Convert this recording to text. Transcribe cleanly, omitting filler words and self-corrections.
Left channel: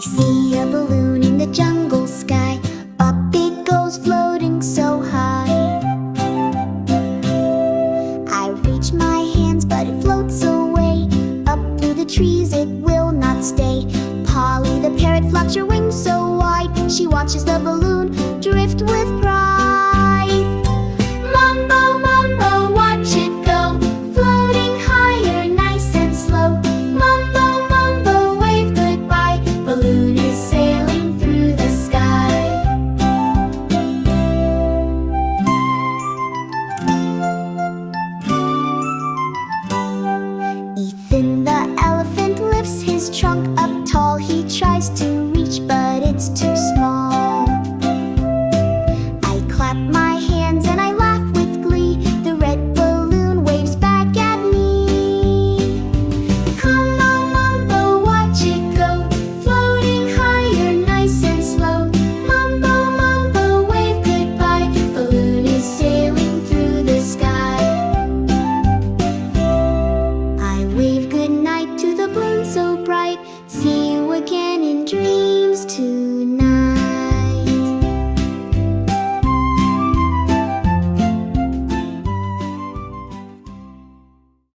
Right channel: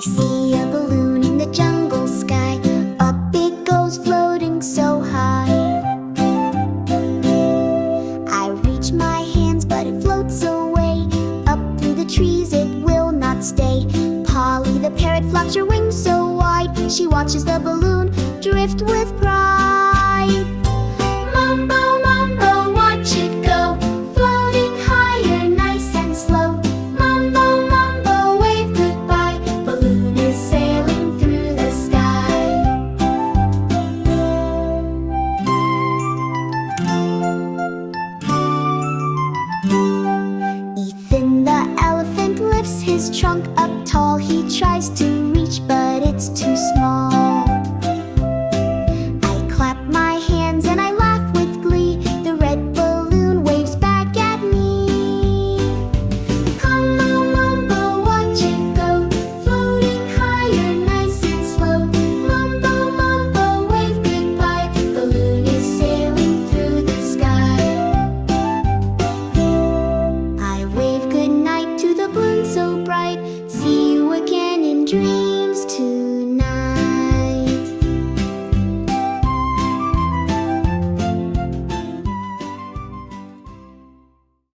see a balloon in the jungle sky. Up it goes floating so high. I reach my hands but it floats away. Up through the trees it will not stay. Polly the parrot flaps her wings so wide. She watches the balloon drift with pride. Mombo, Mombo, watch it go, floating higher, nice and slow. Mombo, Mombo, wave goodbye, balloon is sailing through the sky. Ethan the elephant lifts his trunk up tall. He tries to reach but it's too small. I clap my hands and I laugh with glee. The red balloon waves back at me. Come on, Mombo, watch it go, floating higher, nice and slow. Mombo, Mombo, wave goodbye, balloon is sailing through the sky. I wave goodnight to the balloon so bright. See you again in dreams tonight.